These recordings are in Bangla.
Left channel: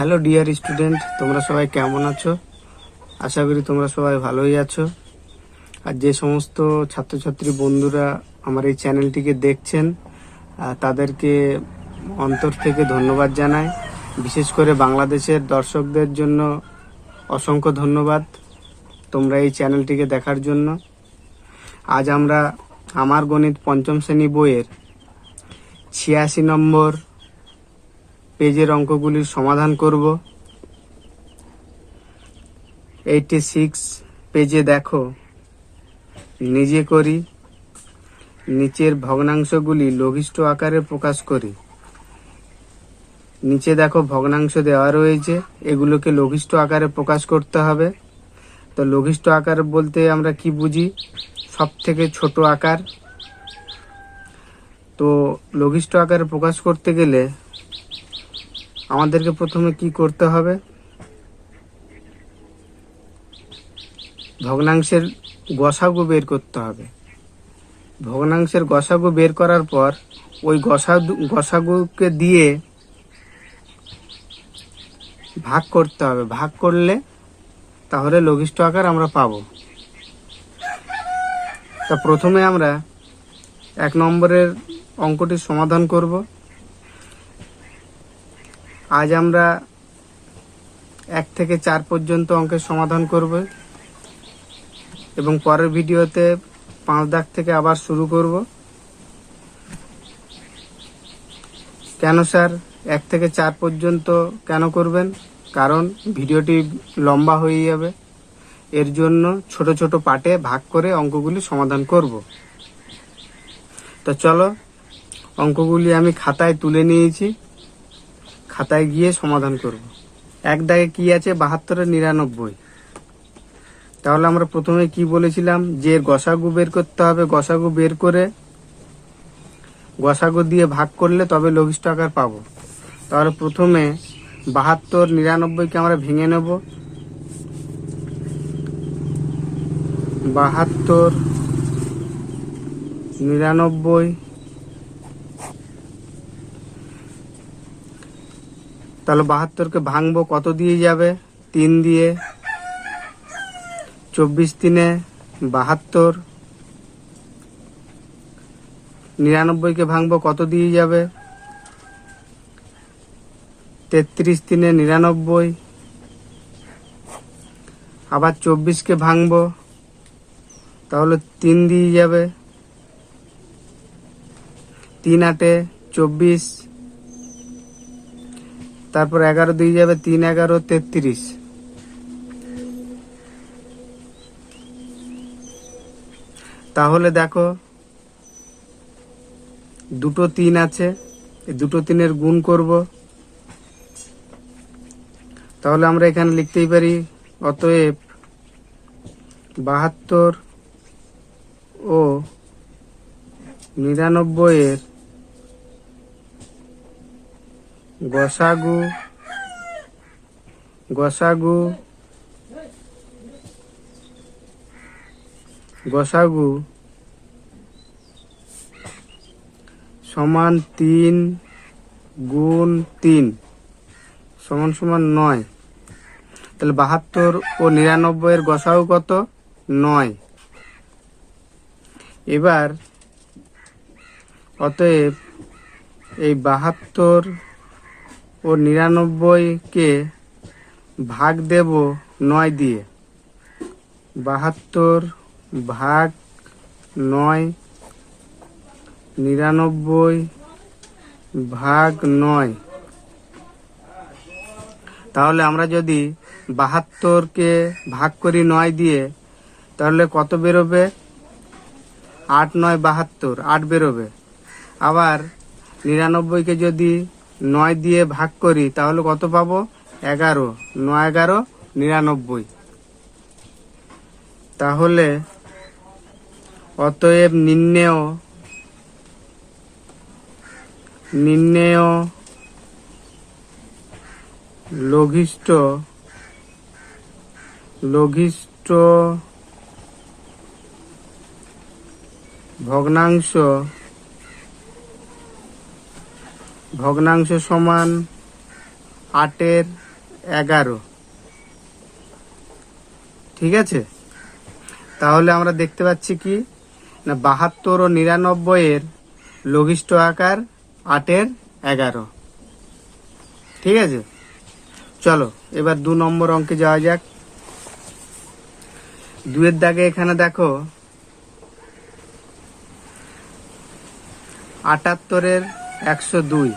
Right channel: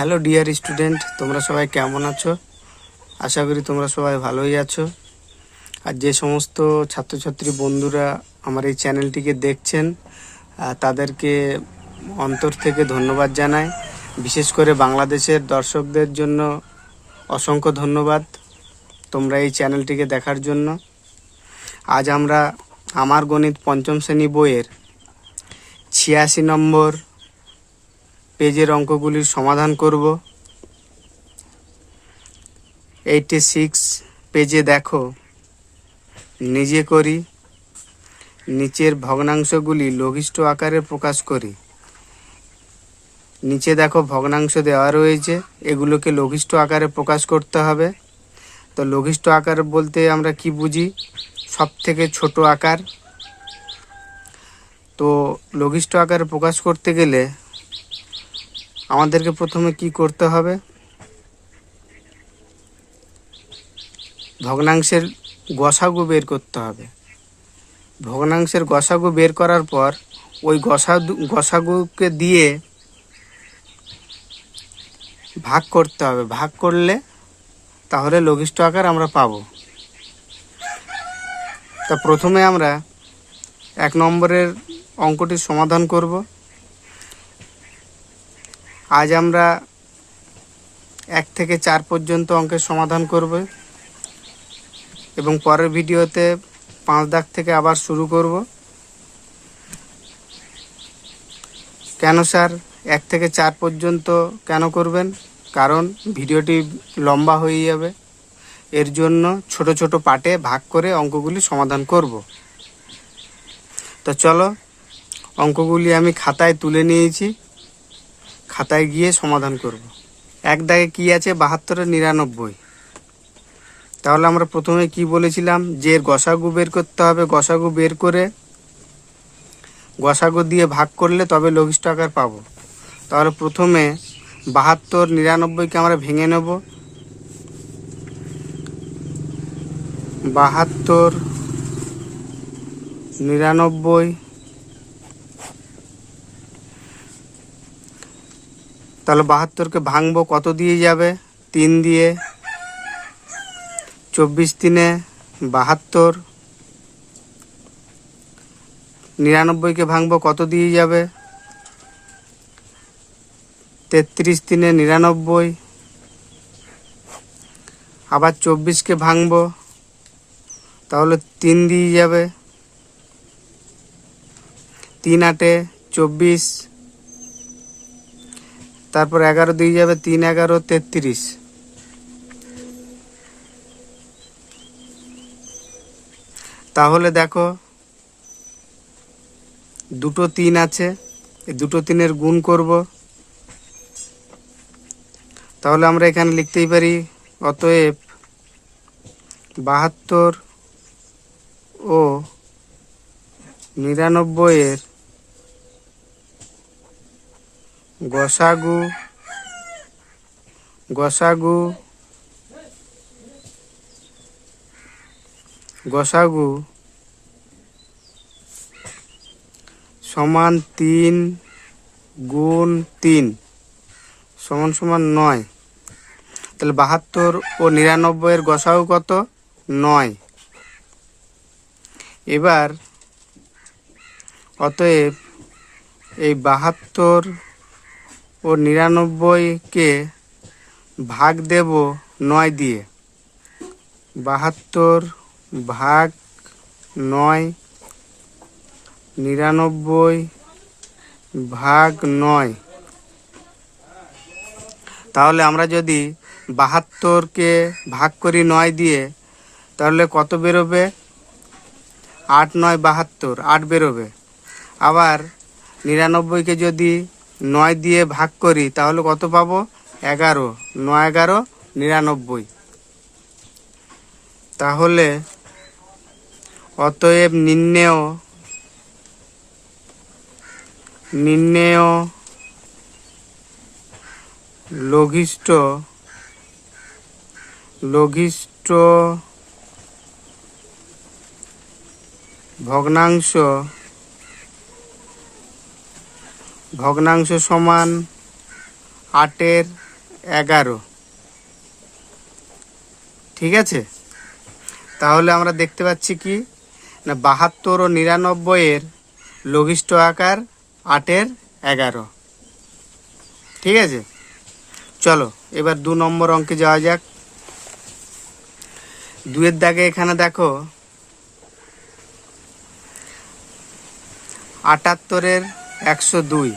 হ্যালো ডিয়ার স্টুডেন্ট, তোমরা সবাই কেমন আছো? আশা করি তোমরা সবাই ভালোই আছো। আর যে সমস্ত ছাত্রছাত্রী বন্ধুরা আমার এই চ্যানেলটিকে দেখছেন তাদেরকে অন্তর থেকে ধন্যবাদ জানাই। বিশেষ করে বাংলাদেশের দর্শকদের জন্য অসংখ্য ধন্যবাদ তোমরা এই চ্যানেলটিকে দেখার জন্য। আজ আমরা আমার গণিত পঞ্চম শ্রেণী বইয়ের 86 নম্বর পেজের অঙ্কগুলির সমাধান করব। 86 পেজে দেখো, নিজে করি। নিচের ভগ্নাংশগুলি লঘিষ্ঠ আকারে প্রকাশ করি। নিচে দেখো ভগ্নাংশ দেওয়া রয়েছে, এগুলোকে লঘিষ্ঠ আকারে প্রকাশ করতে হবে। তো লঘিষ্ঠ আকার বলতে আমরা কি বুঝি? সব থেকে ছোট আকার। তো লঘিষ্ঠ আকারে প্রকাশ করতে গেলে আমাদেরকে প্রথমে কি করতে হবে? ভগ্নাংশের গসাগু বের করতে হবে। ভগ্নাংশের গসাগু বের করার পর ওই গসাগুকে দিয়ে ভাগ করতে হবে। ভাগ করলে তাহলে লঘিষ্ঠ আকার আমরা পাবো। তা প্রথমে আমরা 1 নম্বরের অঙ্কটির সমাধান করব। আজ আমরা 1 থেকে 4 পর্যন্ত অঙ্কের সমাধান করব এবং পরের ভিডিওতে 5 দাগ থেকে আবার শুরু করব। কেন স্যার 1 থেকে 4 পর্যন্ত কেন করবেন? কারণ ভিডিওটি লম্বা হয়ে যাবে। এর জন্য ছোট ছোট পার্টে ভাগ করে অঙ্কগুলি সমাধান করব। তো চলো, অঙ্কগুলি আমি খাতায় তুলে নিয়েছি, খাতায় গিয়ে সমাধান করব। 1 দাগে কি আছে? 72 এর 99। তাহলে আমরা প্রথমে কি বলেছিলাম? যে গসাগু বের করতে হবে। গসাগু বের করে গসাগু দিয়ে ভাগ করলে তবে লঘিষ্ঠ আকার পাবো। তাহলে প্রথমে 72 99কে আমরা ভেঙে নেব। 72 99, তাহলে 72কে ভাঙবো, কত দিয়ে যাবে? 3 দিয়ে। 24 3 72। 99কে ভাঙবো, কত দিয়ে যাবে? 33 3 99। আবার 24কে ভাঙবো, তাহলে 3 দিয়ে যাবে। 3 8 24। তারপর 11 দিয়ে যাবে। 3 11 33। তাহলে দেখো দুটো 3 আছে, এই দুটো 3-এর গুণ করব। তাহলে আমরা এখানে লিখতেই পারি, অতএব 72 ও 99-এর গসাগু সমান 3 গুণ 3 সমান সমান 9। তাহলে 72 ও 99-এর গসাগু কত? 9। এবার অতএব এই 72 ও 99কে ভাগ দেব 9 দিয়ে। 72 ভাগ 9, 99 ভাগ 9। তাহলে আমরা যদি 72কে ভাগ করি 9 দিয়ে, তাহলে কত বেরোবে? 8 9 72, 8 বেরোবে। আবার 99কে যদি 9 দিয়ে ভাগ করি তাহলে কত পাবো? 11। 9 11 99। তাহলে অতএব নির্ণেয় লঘিষ্ঠ ভগ্নাংশ সমান 8-এর 11। ঠিক আছে, তাহলে আমরা দেখতে পাচ্ছি কি না 72 ও 99 এর লঘিষ্ঠ আকার 8 এর 11। ঠিক আছে, চলো এবার 2 নম্বর অঙ্কে যাওয়া যাক। 2 এর দাগে এখানে দেখো 78 এর 102।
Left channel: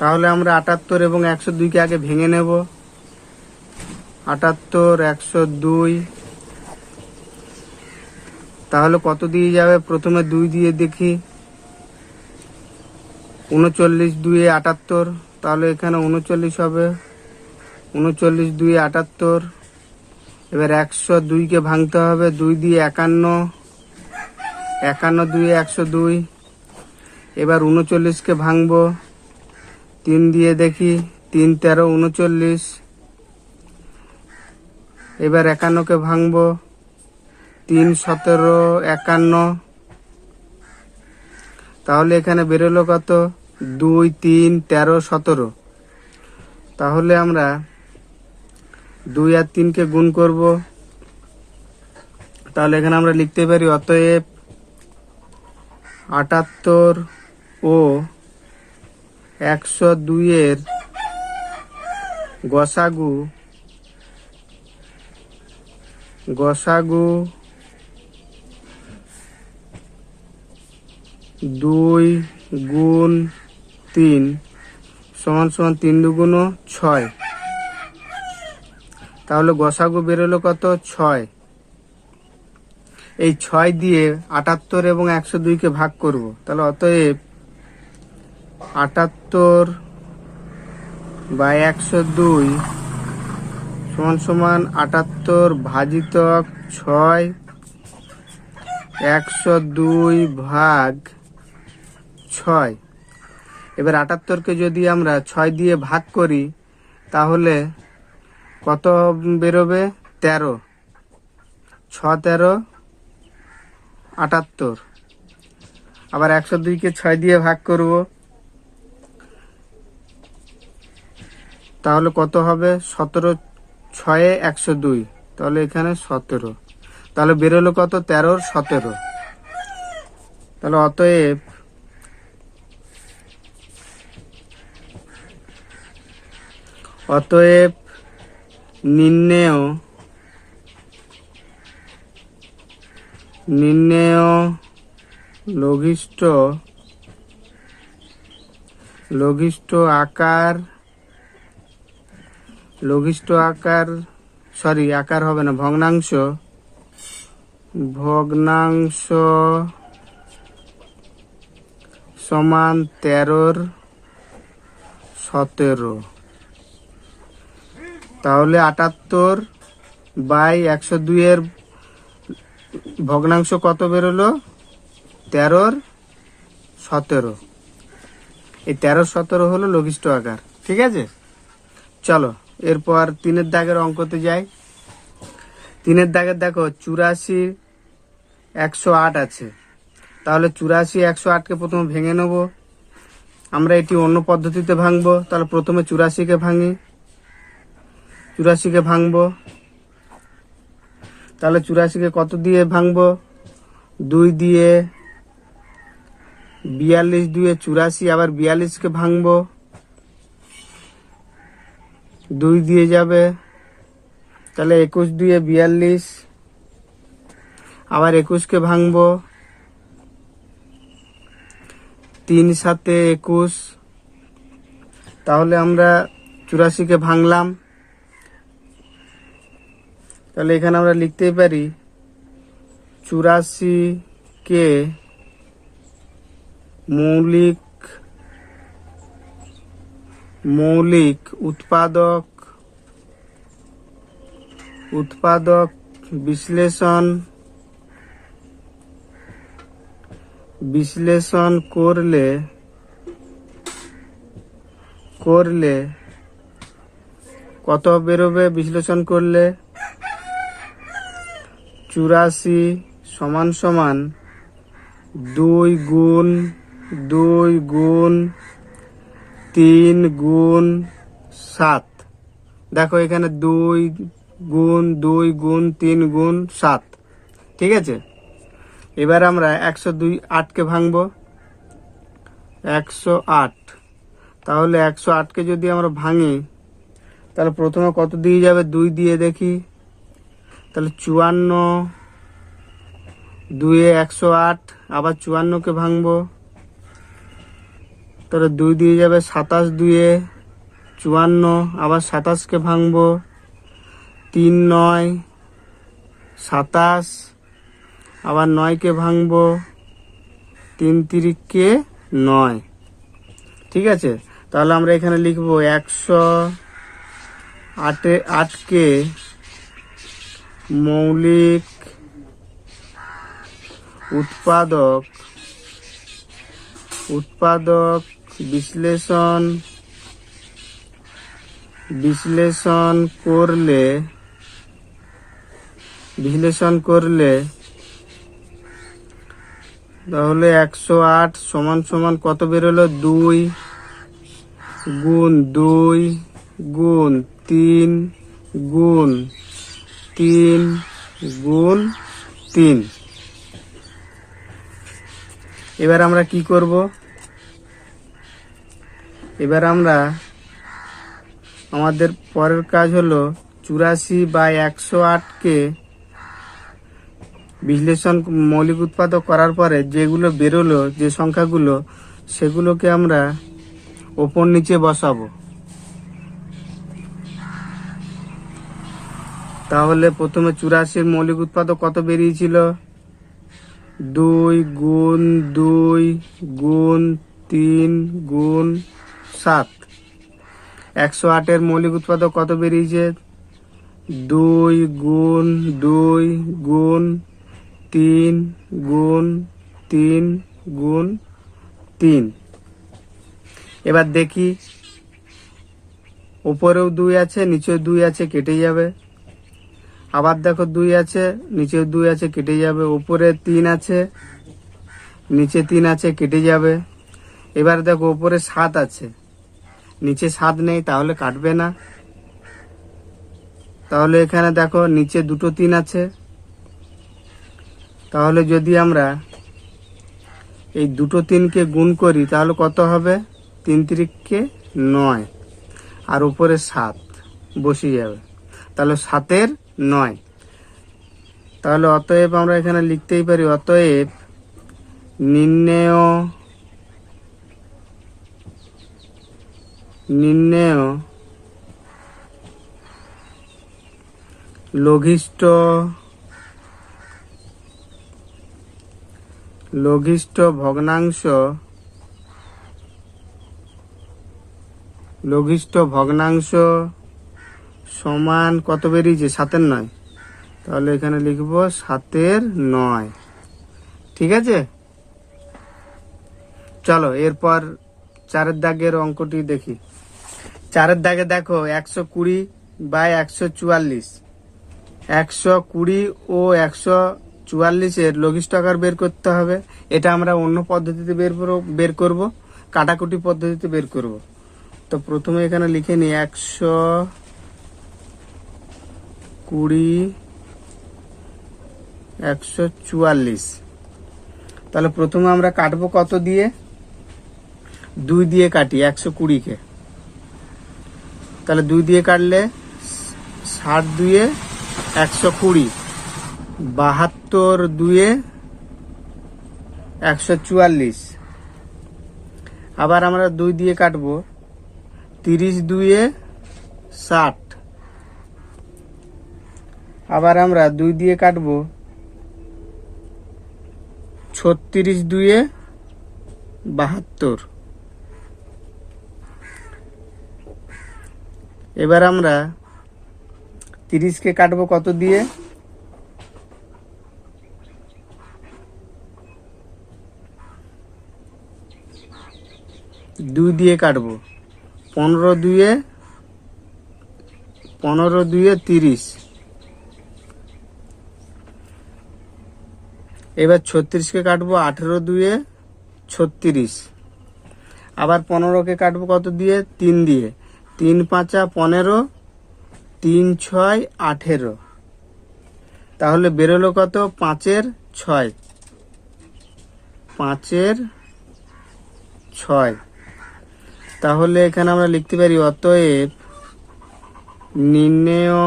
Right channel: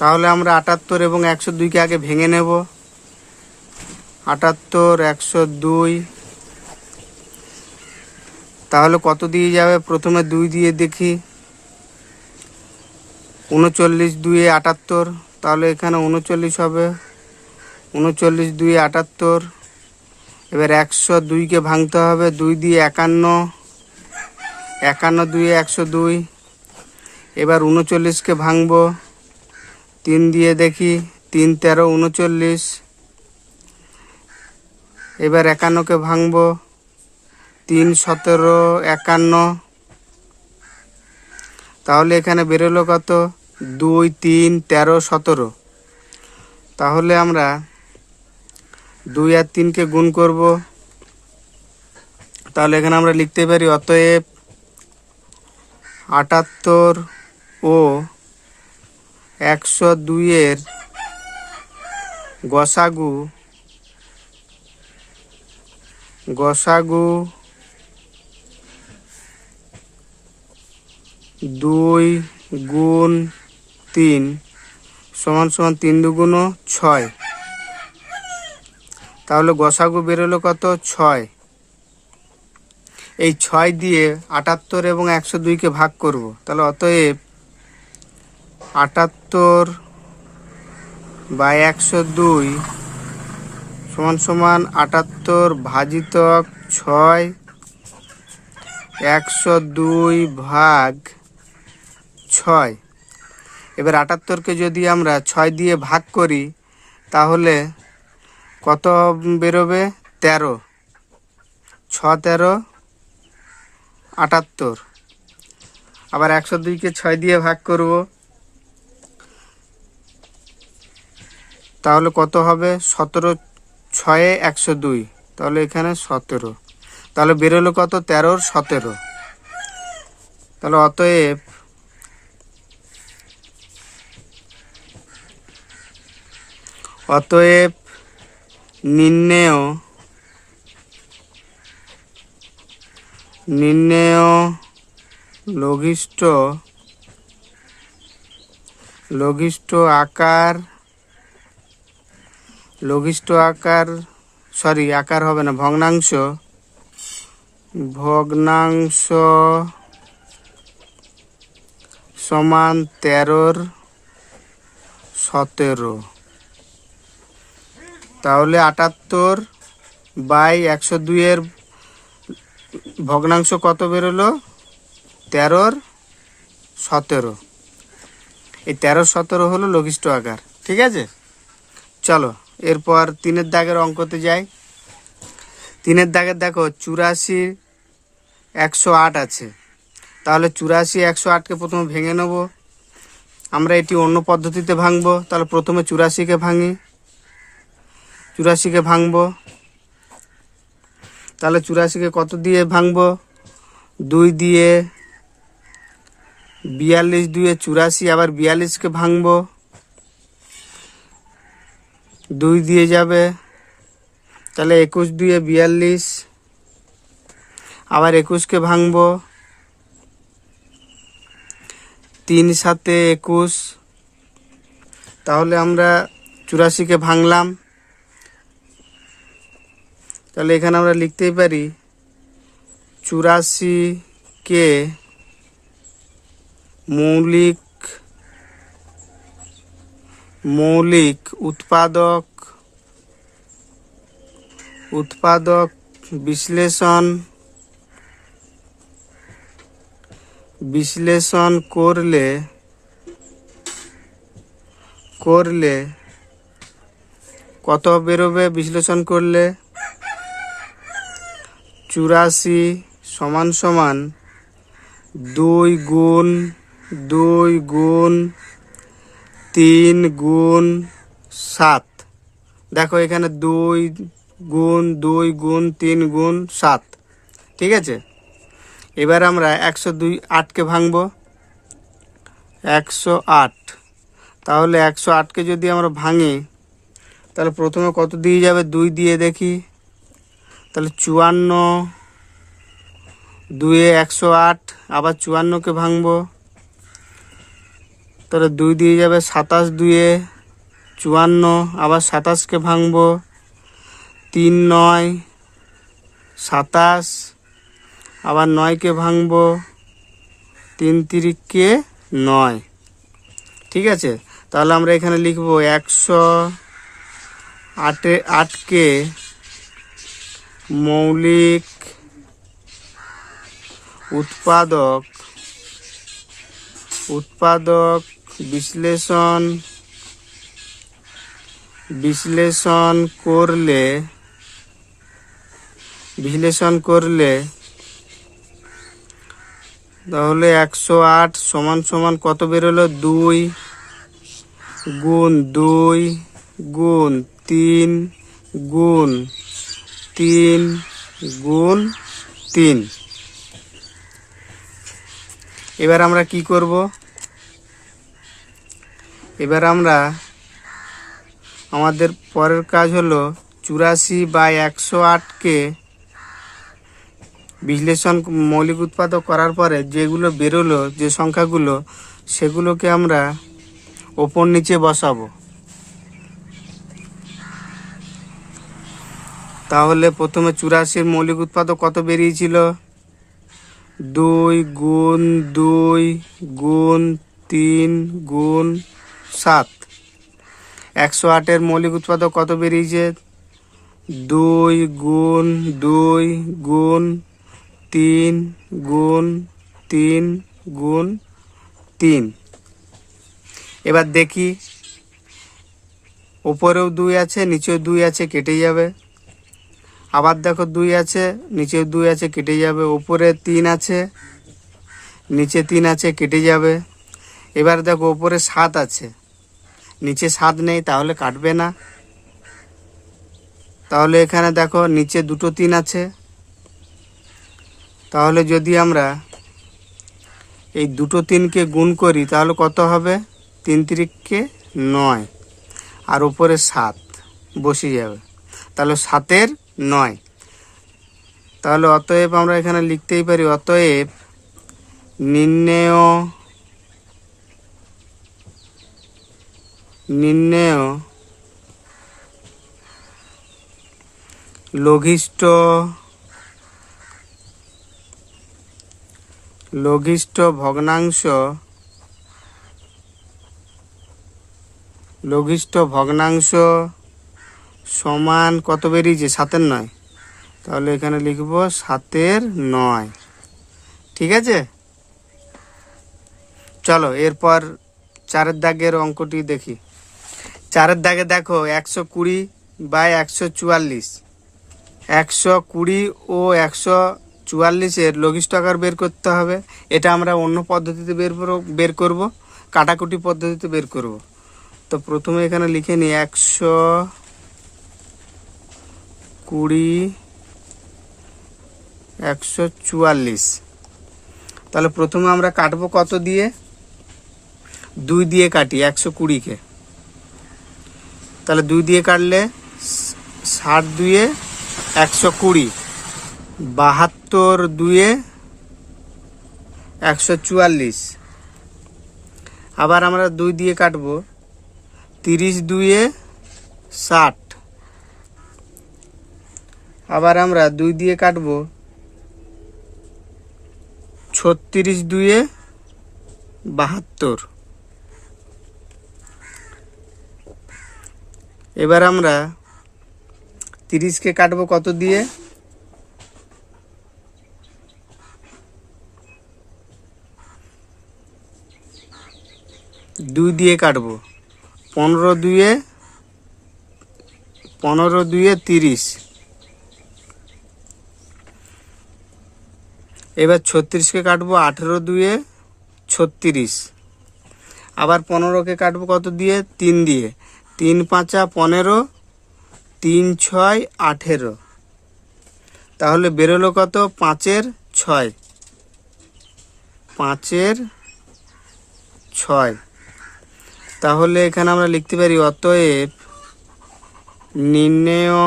তাহলে আমরা 78 এবং 102কে আগে ভেঙে নেব। 78 102, তাহলে কত দিয়ে যাবে? প্রথমে 2 দিয়ে দেখি। 39 2 78, তাহলে এখানে 39 হবে। 39 2 78। এবার 102কে ভাঙতে হবে। 2 দিয়ে 51, 51 2 102। এবার 39কে ভাঙবো। 3 দিয়ে দেখি। 3 13 39। এবার 51কে ভাঙবো। 3 17 51। তাহলে এখানে বেরোলো কত? 2 3 13 17। তাহলে আমরা 2 আর 3কে গুণ করব। তাহলে এখানে আমরা লিখতে পারি অতএব 78 ও 102 এর গসাগু 2 গুণ 3 সমান সমান 3 2 6। তাহলে গসাগু বেরোলো কত? 6। এই 6 দিয়ে 78 এবং 102কে ভাগ করব। তাহলে অতএব 78 বা 102 সমান সমান 78 ভাজিতক 6, 102 ভাগ 6। এবার 78কে যদি আমরা 6 দিয়ে ভাগ করি তাহলে কত বেরোবে? 13। 6 13 78। আবার 102কে 6 দিয়ে ভাগ করব, তাহলে কত হবে? 17 6 102। তাহলে এখানে 17। তাহলে বেরোলো কত? 13 17। তাহলে অতএব নির্ণেয় লঘিষ্ঠ আকার আকার হবে না, ভগ্নাংশ সমান 13 17। তাহলে 78 বাই 102 এর ভগ্নাংশ কত বেরোলো? 13 17। এই 13 17 হলো লঘিষ্ঠ আকার। ঠিক আছে, চলো এরপর 3 দাগের অঙ্কতে যাই। 3 দাগের দেখো 84 108 আছে। তাহলে 84 108কে প্রথমে ভেঙে নেব। আমরা এটি অন্য পদ্ধতিতে ভাঙবো। তাহলে প্রথমে 84কে ভাঙি। 84কে ভাঙবো। তাহলে 84কে কত দিয়ে ভাঙবো? 2 দিয়ে। 42 2 84। আবার 42কে ভাঙবো। 2 দিয়ে যাবে। তাহলে 21 2 42। আবার 21কে ভাঙবো। 3 7 21। তাহলে আমরা 84কে ভাঙলাম। তাহলে এখানে আমরা লিখতেই পারি 84কে মৌলিক উৎপাদক বিশ্লেষণ করলে কত বেরোবে? বিশ্লেষণ করলে 84 সমান সমান 2 গুণ 2 গুণ 3 গুণ 7। দেখো এখানে 2 গুণ 2 গুণ 3 গুণ 7, ঠিক আছে। এবার আমরা 108কে ভাঙবো। 108, তাহলে 108কে যদি আমরা ভাঙি তাহলে প্রথমে কত দিয়ে যাবে, 2 দিয়ে দেখি। তাহলে 54, 2-এ 108, আবার 54কে ভাঙবো, তাহলে 2 দিয়ে যাবে। 27, 2-এ 54, আবার 27কে ভাঙবো। 3 9 27, আবার 9কে ভাঙবো। 3 3-কে 9, ঠিক আছে। তাহলে আমরা এখানে লিখবো 108কে মৌলিক উৎপাদক বিশ্লেষণ করলে তাহলে 108 সমান সমান কত বেরোলো, 2 গুণ 2 গুণ 3 গুণ 3 গুণ 3। এবার আমরা কি করব, এবার আমরা আমাদের পরের কাজ হলো 84/108কে বিশ্লেষণ মৌলিক উৎপাদক করার পরে যেগুলো বেরোলো, যে সংখ্যাগুলো, সেগুলোকে আমরা ওপর নিচে বসাবো। তাহলে প্রথমে 84-র মৌলিক উৎপাদক কত বেরিয়েছিল, 2 গুণ 2 গুণ 3 গুণ 7। 108-এর মৌলিক উৎপাদক কত বেরিয়েছে, 2 গুণ 2 গুণ 3 গুণ 3 গুণ 3। এবার দেখি উপরেও 2 আছে, নিচেও 2 আছে, কেটে যাবে। আবার দেখো 2 আছে, নিচেও 2 আছে, কেটে যাবে। উপরে 3 আছে, নিচে 3 আছে, কেটে যাবে। এবার দেখো উপরে 7 আছে, নিচে 7 নেই, তাহলে কাটবে না। তাহলে এখানে দেখো নিচে দুটো 3 আছে, তাহলে যদি আমরা এই দুটো 3কে গুণ করি তাহলে কত হবে, 3 3-কে 9, আর উপরে 7 বসে যাবে, তাহলে 7-এর 9। তাহলে অতএব আমরা এখানে লিখতেই পারি, অতএব নির্ণেয় লঘিষ্ঠ ভগ্নাংশ সমান কত বেরিয়েছে, 7-এর 9। তাহলে এখানে লিখবো 7-এর 9, ঠিক আছে। চলো এরপর 4-এর দাগের অঙ্কটি দেখি। 4-এর দাগে দেখো 120/144, 120 ও 144-এর লঘিষ্ঠ আকার বের করতে হবে। এটা আমরা অন্য পদ্ধতিতে বের করব, কাটাকুটি পদ্ধতিতে বের করব। তো প্রথমে এখানে লিখে নিই 120 144। তাহলে প্রথমে আমরা কাটবো কত দিয়ে, 2 দিয়ে কাটি 120-কে। তাহলে 2 দিয়ে কাটলে 60 2-এ 120, 72 2-এ 144। আবার আমরা 2 দিয়ে কাটবো 30 2-এ 60। আবার আমরা 2 দিয়ে কাটবো 36 2-এ 72। এবার আমরা 30-কে কাটবো কত দিয়ে, 2 দিয়ে কাটবো। 15 2-এ 30। এবার 36-কে কাটবো 18 2-এ 36। আবার 15-কে কাটবো কত দিয়ে, 3 দিয়ে। 3 5 15, 3 6 18, তাহলে বেরোলো কত? 5-এর 6, 5-এর 6। তাহলে এখানে আমরা লিখতে পারি অতএব নির্ণেয়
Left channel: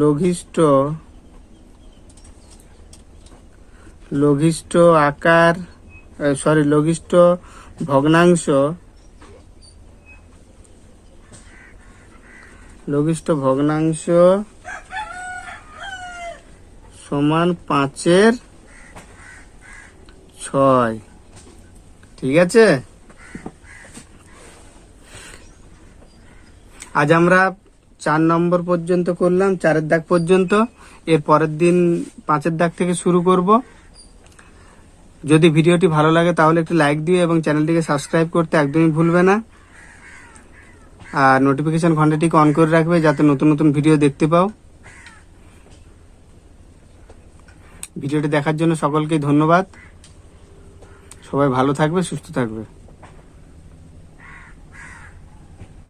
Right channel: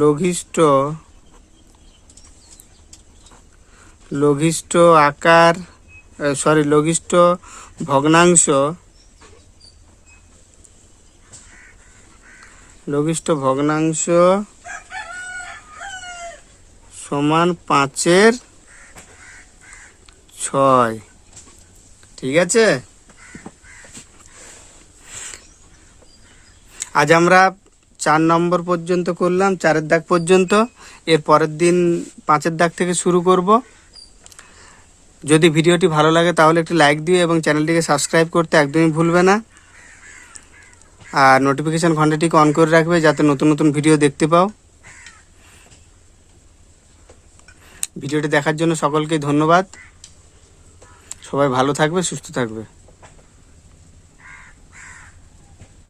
লঘিষ্ঠ আকার লঘিষ্ঠ ভগ্নাংশ সমান 5-এর 6। ঠিক আছে, আজ আমরা 4 নম্বর পর্যন্ত করলাম, 4-এর দাগ পর্যন্ত। এর পরের দিন 5-এর দাগ থেকে শুরু করব। যদি ভিডিওটি ভালো লাগে তাহলে একটি লাইক দিও এবং চ্যানেলটিকে সাবস্ক্রাইব করতে একদমই ভুলবে না। আর নোটিফিকেশন ঘন্টাটিকে অন করে রাখবে যাতে নতুন নতুন ভিডিও দেখতে পাও। ভিডিওটি দেখার জন্য সকলকে ধন্যবাদ। সবাই ভালো থাকবে, সুস্থ থাকবে।